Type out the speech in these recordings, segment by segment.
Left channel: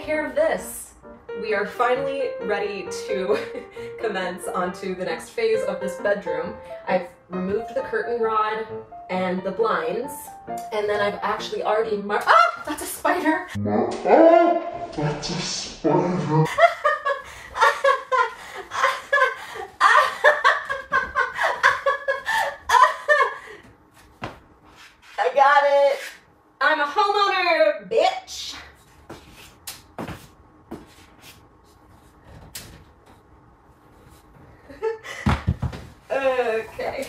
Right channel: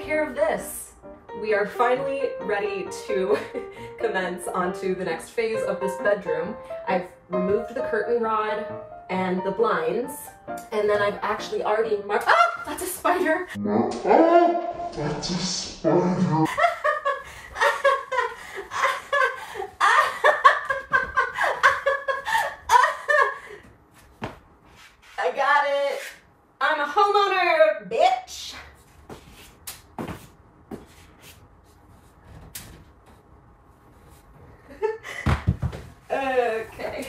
take care of this. We are finally ready to commence onto the next phase of this bedroom. I've removed the curtain rod and the blinds, and then I've actually already marked— ah! That's a spider! That's a spider. I got it! I'm a homeowner, bitch! Okay.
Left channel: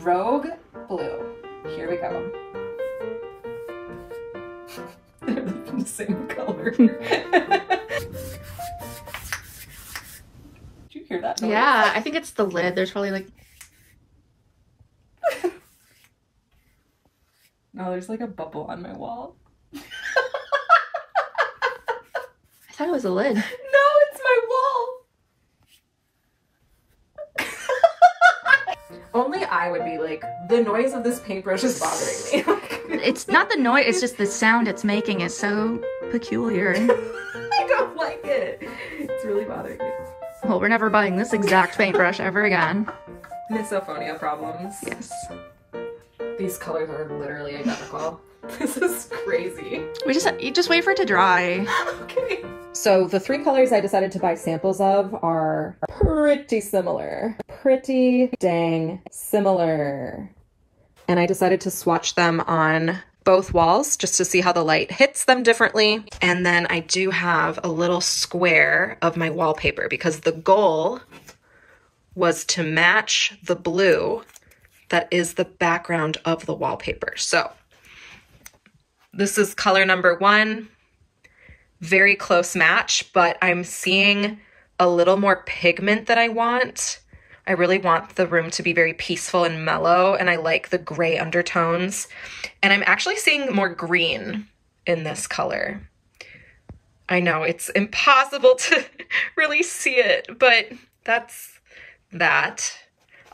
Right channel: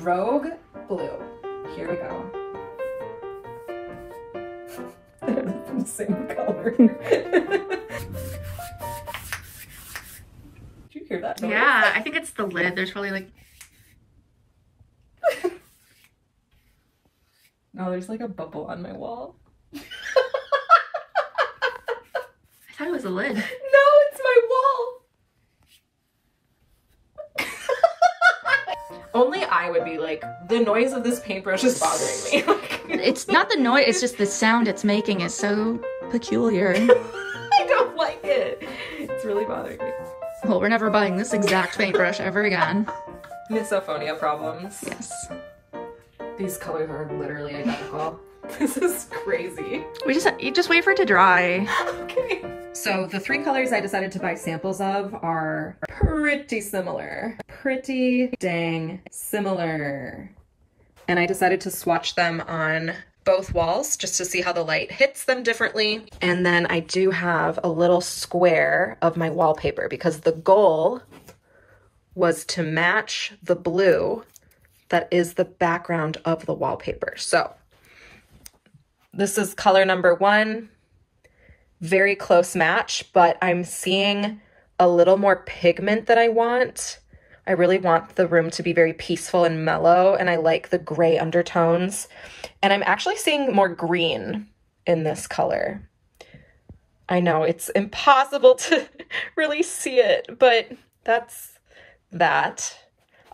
Rogue blue. Here we go. They're the same color. Did you hear that noise? Yeah, I think it's the lid. There's probably like... No, there's like a bubble on my wall. I thought it was a lid. No, it's my wall. Only I would be like, the noise of this paintbrush is bothering me. It's not the noise, it's just the sound it's making is so peculiar. I don't like it. It's really bothering me. Well, we're never buying this exact paintbrush ever again. Misophonia problems. Yes. These colors are literally identical. This is crazy. You just wait for it to dry. Okay. So the three colors I decided to buy samples of are pretty similar. Pretty dang similar. And I decided to swatch them on both walls just to see how the light hits them differently. And then I do have a little square of my wallpaper because the goal was to match the blue that is the background of the wallpaper. So this is color number 1, very close match, but I'm seeing a little more pigment that I want. I really want the room to be very peaceful and mellow, and I like the gray undertones. And I'm actually seeing more green in this color. I know it's impossible to really see it, but that's that.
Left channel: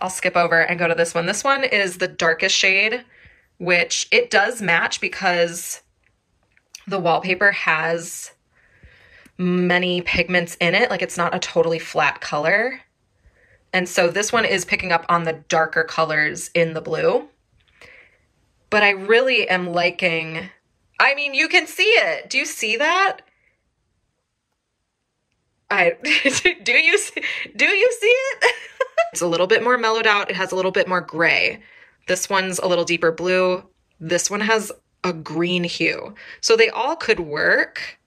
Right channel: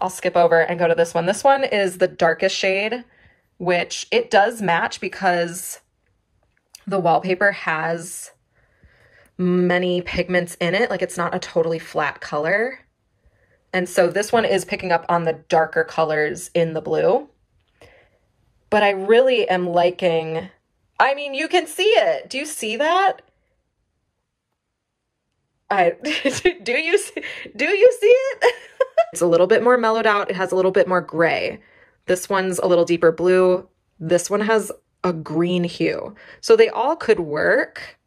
I'll skip over and go to this one. This one is the darkest shade, which it does match because the wallpaper has many pigments in it. Like it's not a totally flat color. And so this one is picking up on the darker colors in the blue. But I really am liking, I mean, you can see it. Do you see that? Do you see it? It's a little bit more mellowed out. It has a little bit more gray. This one's a little deeper blue. This one has a green hue. So they all could work,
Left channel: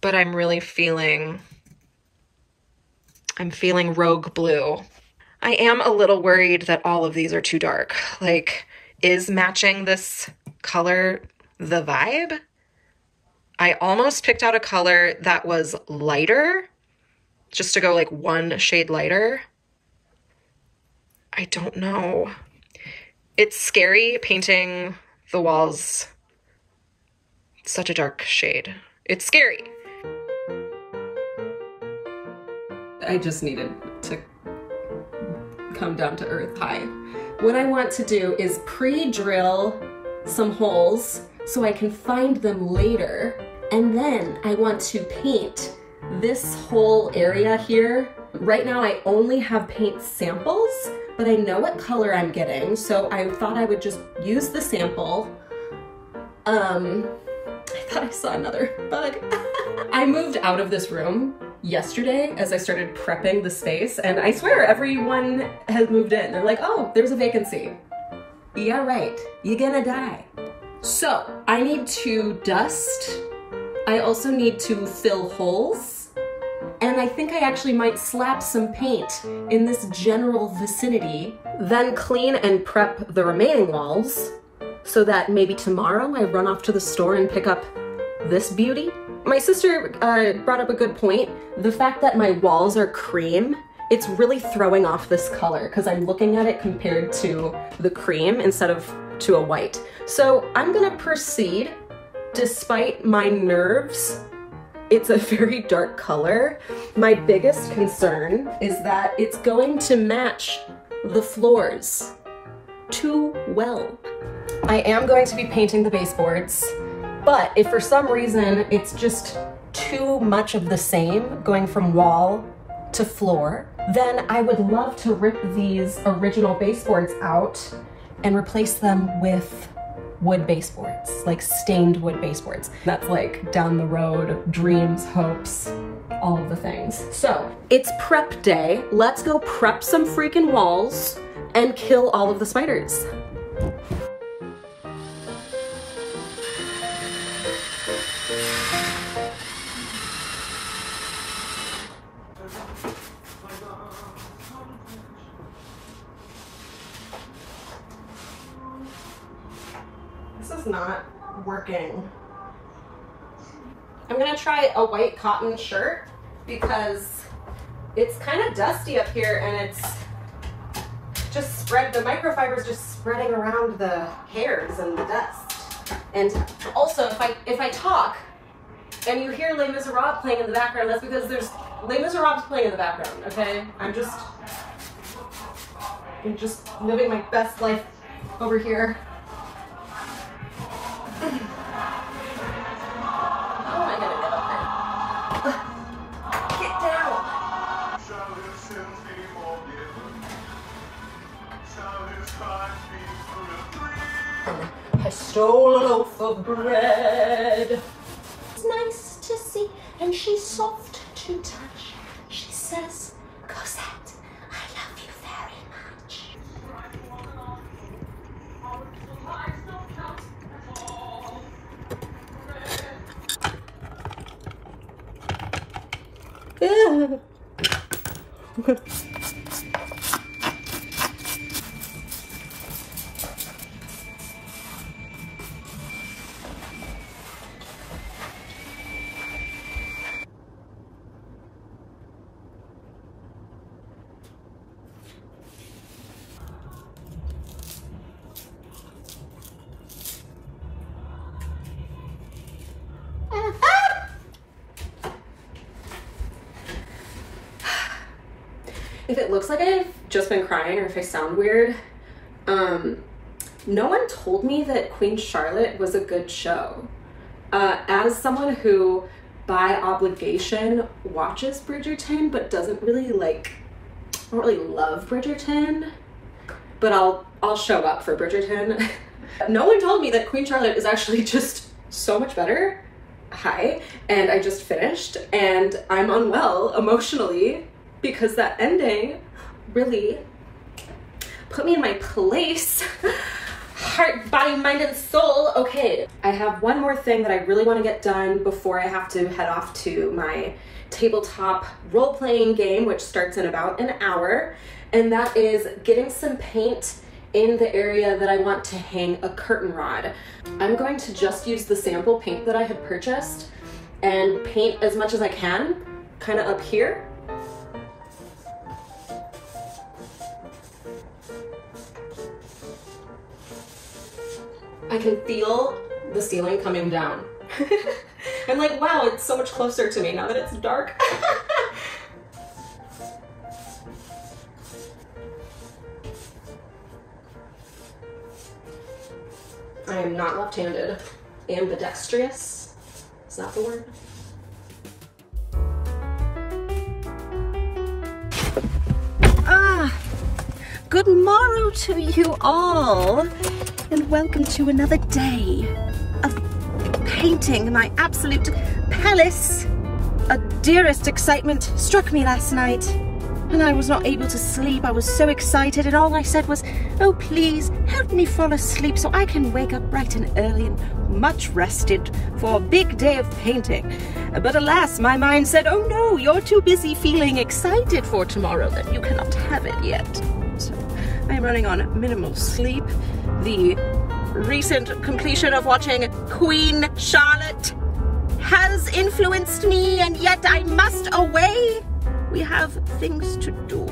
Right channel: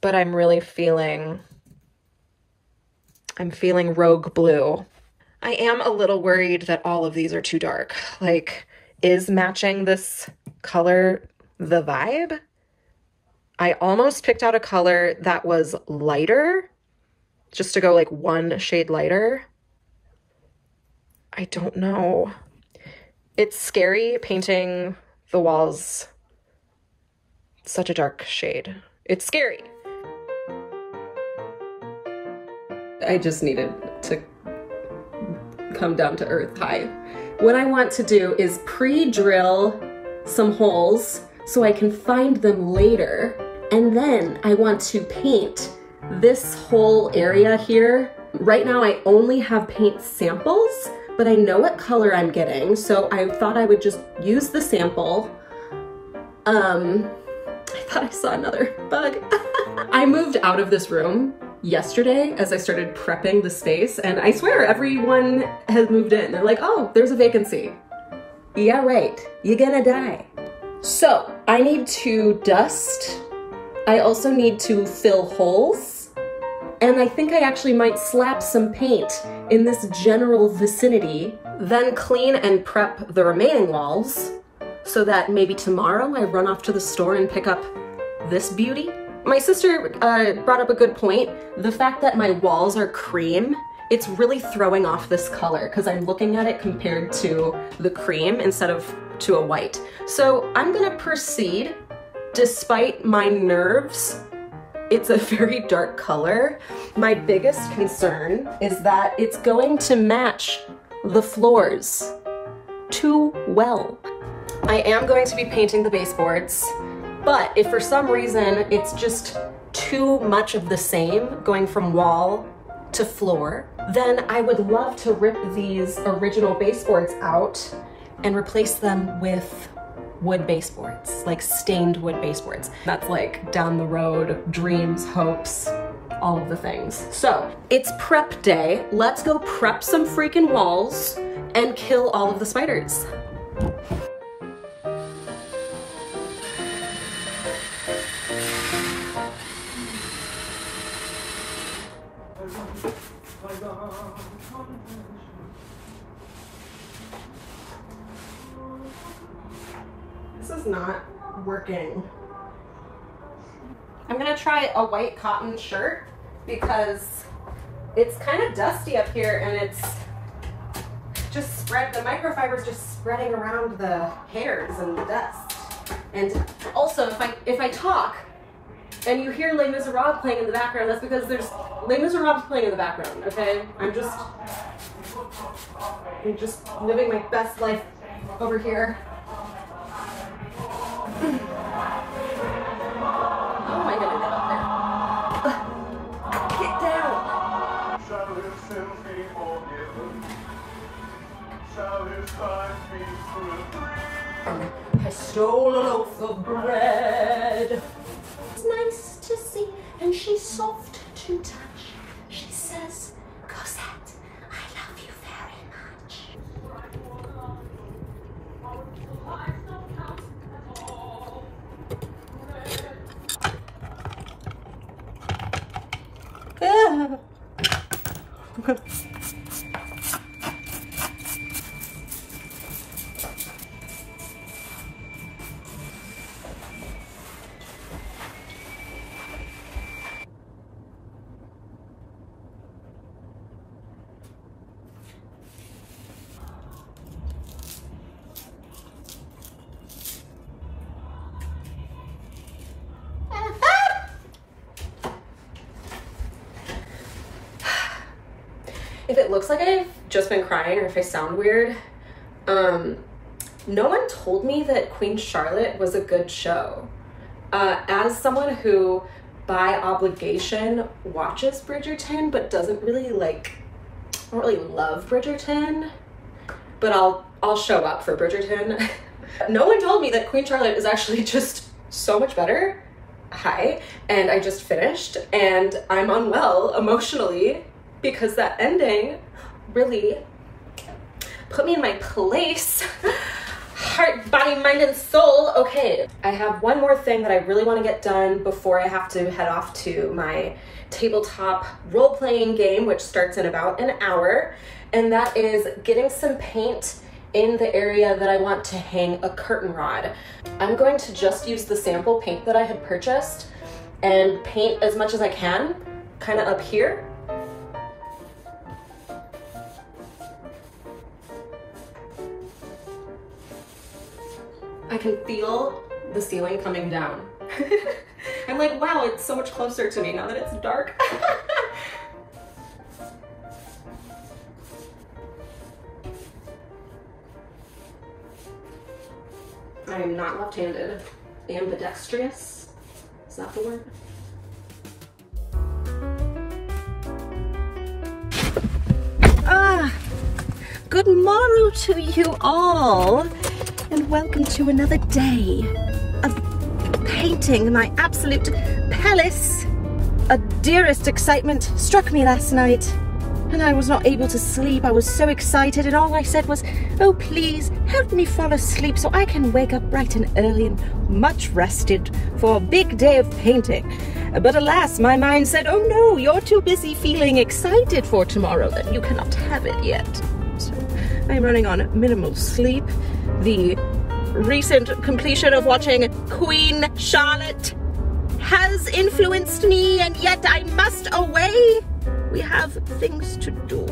but I'm really feeling, I'm feeling rogue blue. I am a little worried that all of these are too dark. Like, is matching this color the vibe? I almost picked out a color that was lighter, just to go like one shade lighter. I don't know. It's scary painting the walls such a dark shade. It's scary. I just needed to come down to earth high. What I want to do is pre-drill some holes so I can find them later. And then I want to paint this whole area here. Right now I only have paint samples, but I know what color I'm getting, so I thought I would just use the sample. I thought I saw another bug. I moved out of this room yesterday as I started prepping the space, and I swear everyone has moved in. They're like, oh, there's a vacancy. Yeah, right, you're gonna die. So I need to dust. I also need to fill holes. And I think I actually might slap some paint in this general vicinity, then clean and prep the remaining walls so that maybe tomorrow I run off to the store and pick up this beauty. My sister brought up a good point. The fact that my walls are cream, it's really throwing off this color because I'm looking at it compared to the cream instead of to a white. So I'm gonna proceed, despite my nerves, it's a very dark color. My biggest concern is that it's going to match the floors too well. I am going to be painting the baseboards, but if for some reason it's just too much of the same going from wall to floor, then I would love to rip these original baseboards out and replace them with wood baseboards, like stained wood baseboards. That's like down the road, dreams, hopes, all of the things. So it's prep day. Let's go prep some freaking walls and kill all of the spiders. This is not working. I'm gonna try a white cotton shirt because it's kind of dusty up here and it's just spread, the microfiber's just spreading around the hairs and the dust. And also if I talk and you hear Les Miserables playing in the background, that's because there's Les Miserables playing in the background, okay? I'm just living my best life over here. How am I gonna get up there? Get down! I stole a loaf of bread. It's nice to see, and she's soft to touch. She says, Cosette, I love you very much. Yeah. If it looks like I've just been crying or if I sound weird, no one told me that Queen Charlotte was a good show. As someone who by obligation watches Bridgerton but doesn't really I don't really love Bridgerton, but I'll show up for Bridgerton. No one told me that Queen Charlotte is actually just so much better. Hi, and I just finished and I'm unwell emotionally because that ending really put me in my place. Heart, body, mind, and soul. Okay, I have one more thing that I really want to get done before I have to head off to my tabletop role-playing game, which starts in about an hour, and that is getting some paint in the area that I want to hang a curtain rod. I'm going to just use the sample paint that I had purchased and paint as much as I can, kind of up here. I can feel the ceiling coming down. I'm like, wow, it's so much closer to me now that it's dark. I am not left-handed. Ambidextrous. Is that the word? Good morrow to you all, and welcome to another day of painting my absolute palace. A dearest excitement struck me last night, and I was not able to sleep. I was so excited, and all I said was, oh please, help me fall asleep so I can wake up bright and early and much rested for a big day of painting. But alas, my mind said, oh no, you're too busy feeling excited for tomorrow that you cannot have it yet. So I'm running on minimal sleep. The recent completion of watching Queen Charlotte has influenced me, and yet I must away. We have things to do.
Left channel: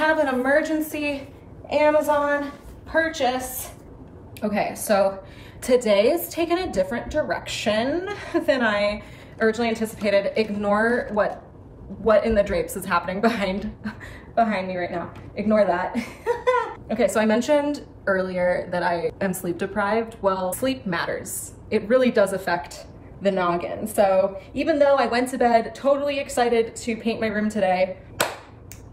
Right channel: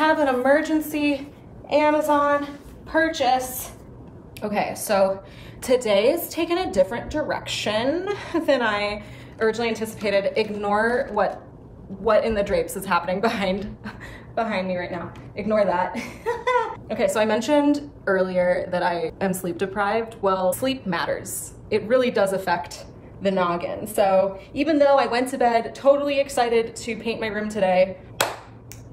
have an emergency Amazon purchase. Okay, so today is taking a different direction than I originally anticipated. Ignore what in the drapes is happening behind me right now. Ignore that. Okay, so I mentioned earlier that I am sleep deprived. Well, sleep matters. It really does affect the noggin. So even though I went to bed totally excited to paint my room today,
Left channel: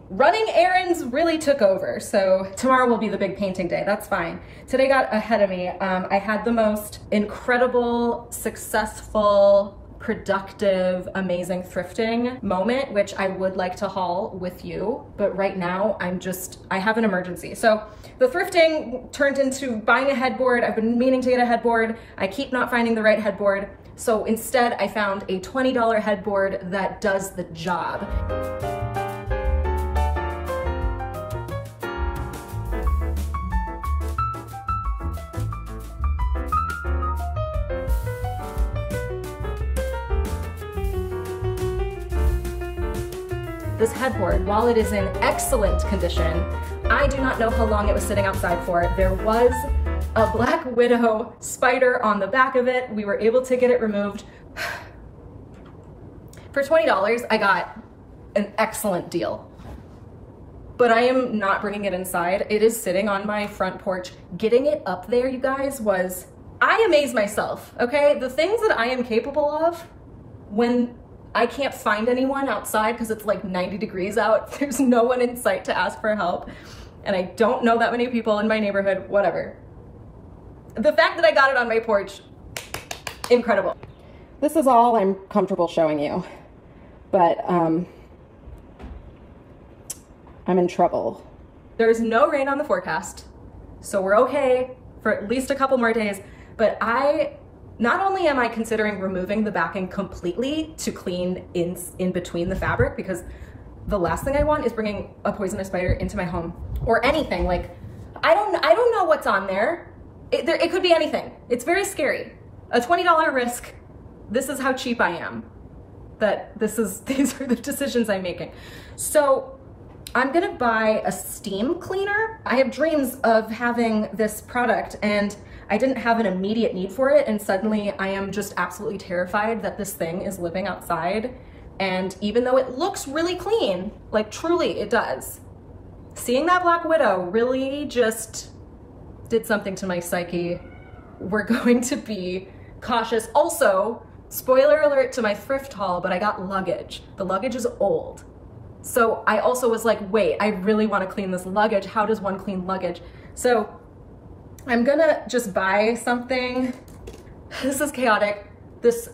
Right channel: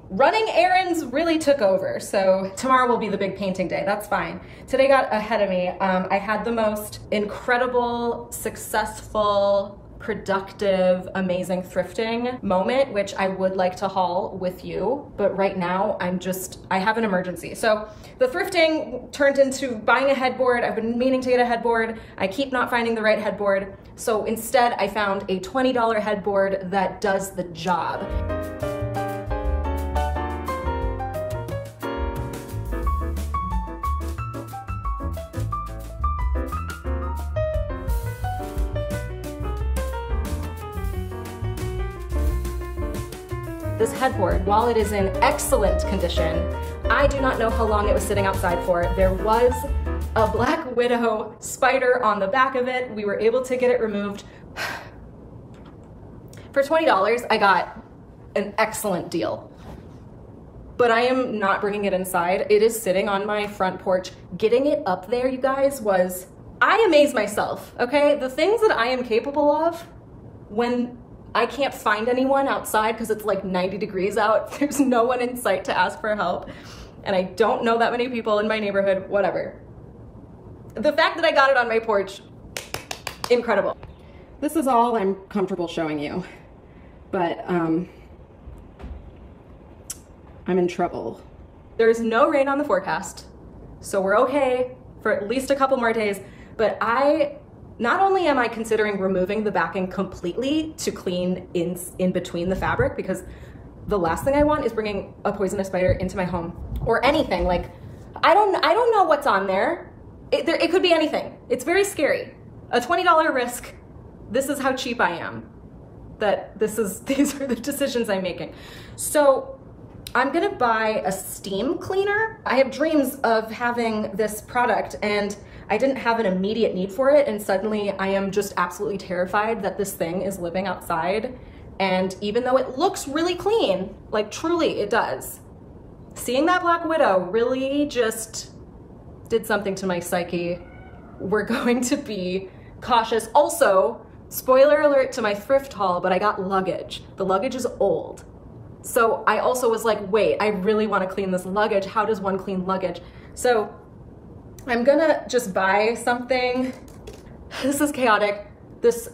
running errands really took over. So tomorrow will be the big painting day. That's fine. Today got ahead of me. I had the most incredible, successful, productive, amazing thrifting moment, which I would like to haul with you. But right now I have an emergency. So the thrifting turned into buying a headboard. I've been meaning to get a headboard. I keep not finding the right headboard. So instead I found a $20 headboard that does the job. This headboard, while it is in excellent condition, I do not know how long it was sitting outside for. There was a black widow spider on the back of it. We were able to get it removed. For $20, I got an excellent deal. But I am not bringing it inside. It is sitting on my front porch. Getting it up there, you guys, I amaze myself, okay? The things that I am capable of when I can't find anyone outside because it's like 90 degrees out. There's no one in sight to ask for help. And I don't know that many people in my neighborhood, whatever. The fact that I got it on my porch, incredible. This is all I'm comfortable showing you, but I'm in trouble. There's no rain on the forecast, so we're okay for at least a couple more days, but not only am I considering removing the backing completely to clean in between the fabric, because the last thing I want is bringing a poisonous spider into my home or anything. Like, I don't know what's on there. It could be anything. It's very scary. A $20 risk. This is how cheap I am. These are the decisions I'm making. So I'm gonna buy a steam cleaner. I have dreams of having this product and I didn't have an immediate need for it, and suddenly I am just absolutely terrified that this thing is living outside. And even though it looks really clean, like truly it does, seeing that black widow really just did something to my psyche. We're going to be cautious. Also, spoiler alert to my thrift haul, but I got luggage. The luggage is old. So I also was like, wait, I really want to clean this luggage. How does one clean luggage? So I'm gonna just buy something. This is chaotic. This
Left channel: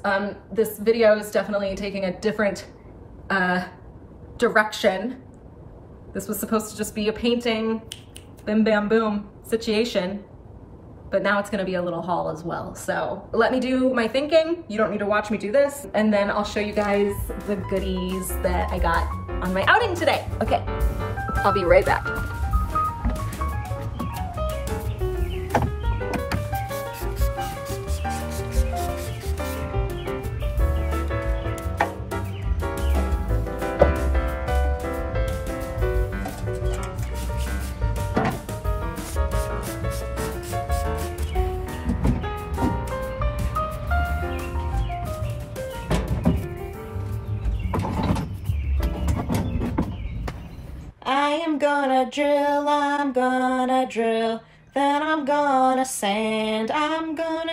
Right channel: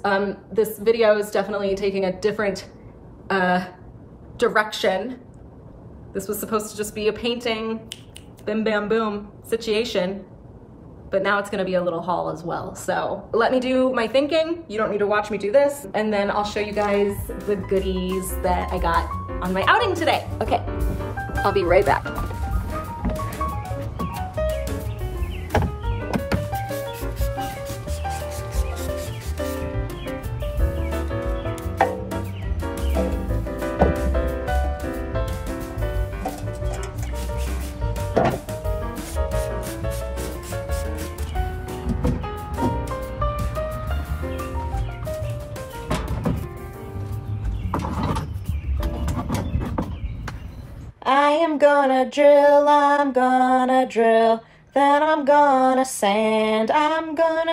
video is definitely taking a different direction. This was supposed to just be a painting, bim bam boom situation, but now it's gonna be a little haul as well. So let me do my thinking. You don't need to watch me do this. And then I'll show you guys the goodies that I got on my outing today. Okay, I'll be right back. I'm gonna drill, then I'm gonna sand, and then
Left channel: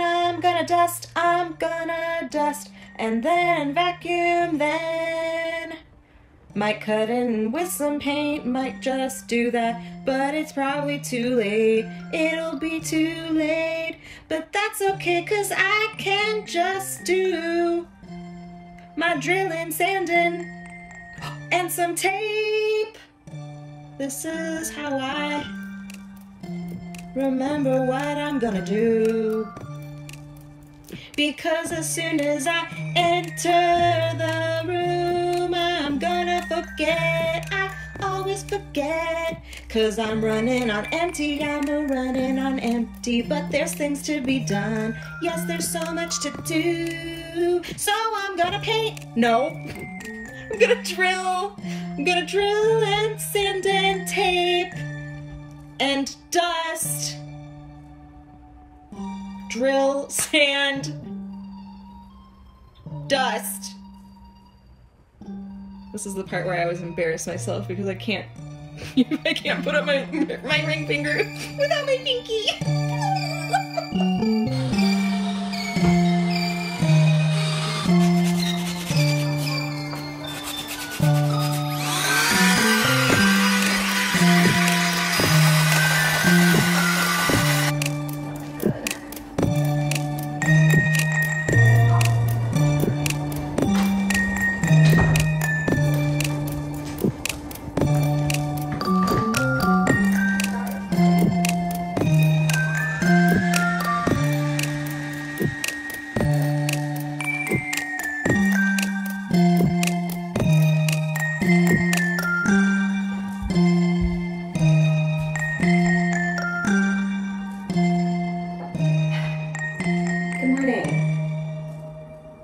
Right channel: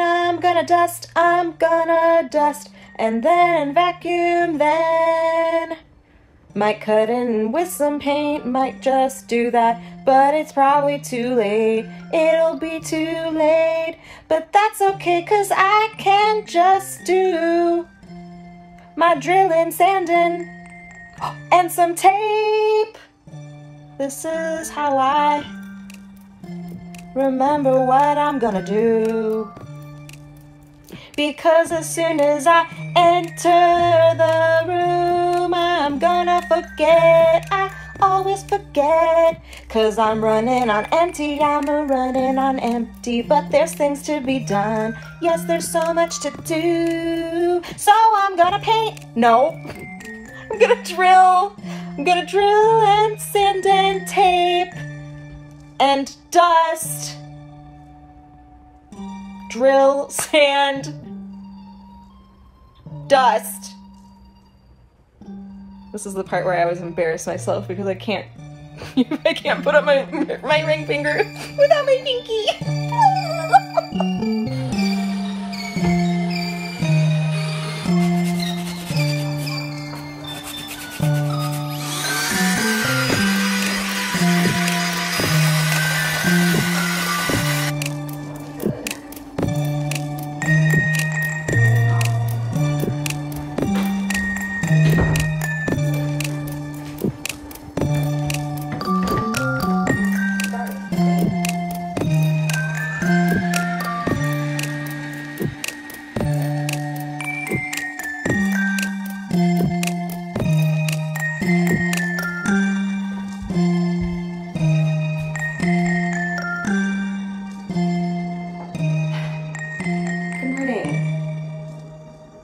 I'm gonna dust, and then vacuum, then might cut in with some paint, might just do that, but it's probably too late, it'll be too late, but that's okay, 'cause I can just do my drilling, sanding, and some tape. This is how I remember what I'm gonna do. Because as soon as I enter the room, I'm gonna forget. I always forget. 'Cause I'm running on empty, but there's things to be done. Yes, there's so much to do. So I'm gonna paint. No. I'm gonna drill and sand and tape and dust. Drill, sand, dust. This is the part where I always embarrass myself because I can't put up my ring finger without my pinky.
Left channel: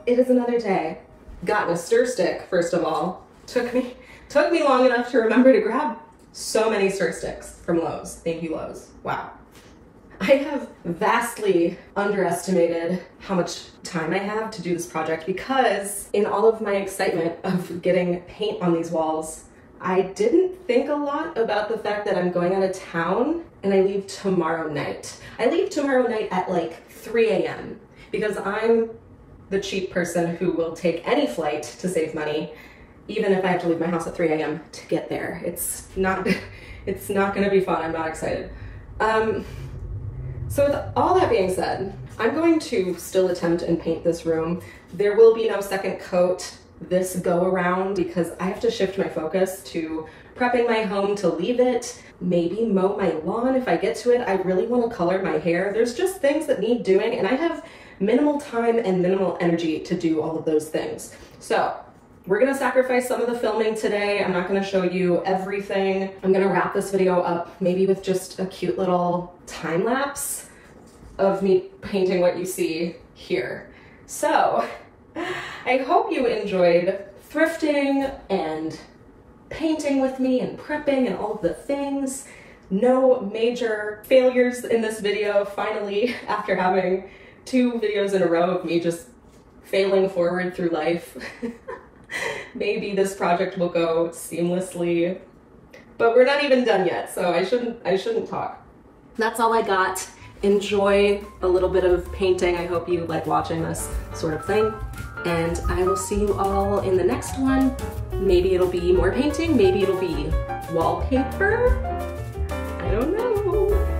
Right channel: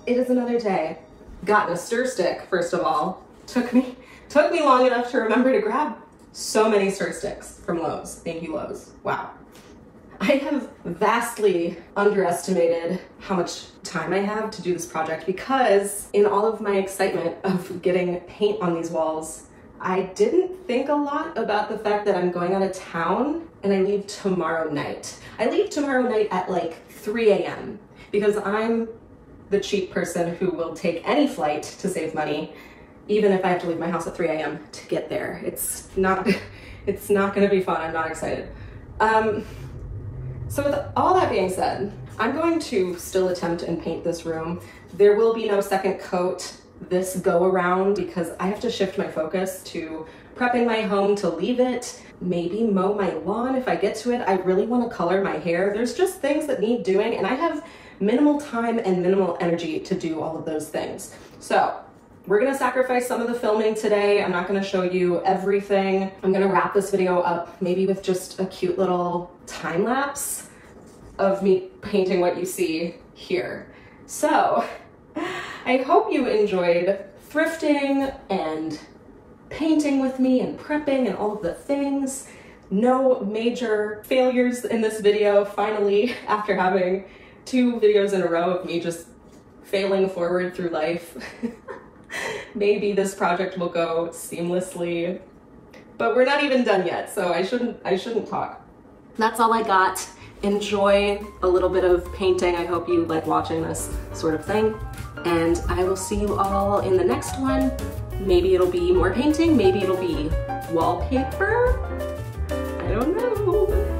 It is another day. Gotten a stir stick, first of all. Took me long enough to remember to grab so many stir sticks from Lowe's. Thank you, Lowe's. Wow. I have vastly underestimated how much time I have to do this project because in all of my excitement of getting paint on these walls, I didn't think a lot about the fact that I'm going out of town and I leave tomorrow night. I leave tomorrow night at like 3 a.m. because I'm the cheap person who will take any flight to save money, even if I have to leave my house at 3 a.m. to get there. It's not gonna be fun. I'm not excited. So with all that being said, I'm going to still attempt and paint this room. There will be no second coat this go around because I have to shift my focus to prepping my home to leave it, maybe mow my lawn if I get to it. I really want to color my hair. There's just things that need doing and I have minimal time and minimal energy to do all of those things. So we're gonna sacrifice some of the filming today. I'm not gonna show you everything. I'm gonna wrap this video up maybe with just a cute little time lapse of me painting what you see here. So I hope you enjoyed thrifting and painting with me and prepping and all of the things. No major failures in this video, finally, after having 2 videos in a row of me just failing forward through life. Maybe this project will go seamlessly, but we're not even done yet, so I shouldn't talk. That's all I got. Enjoy a little bit of painting. I hope you like watching this sort of thing, and I will see you all in the next one. Maybe it'll be more painting, maybe it'll be wallpaper. I don't know.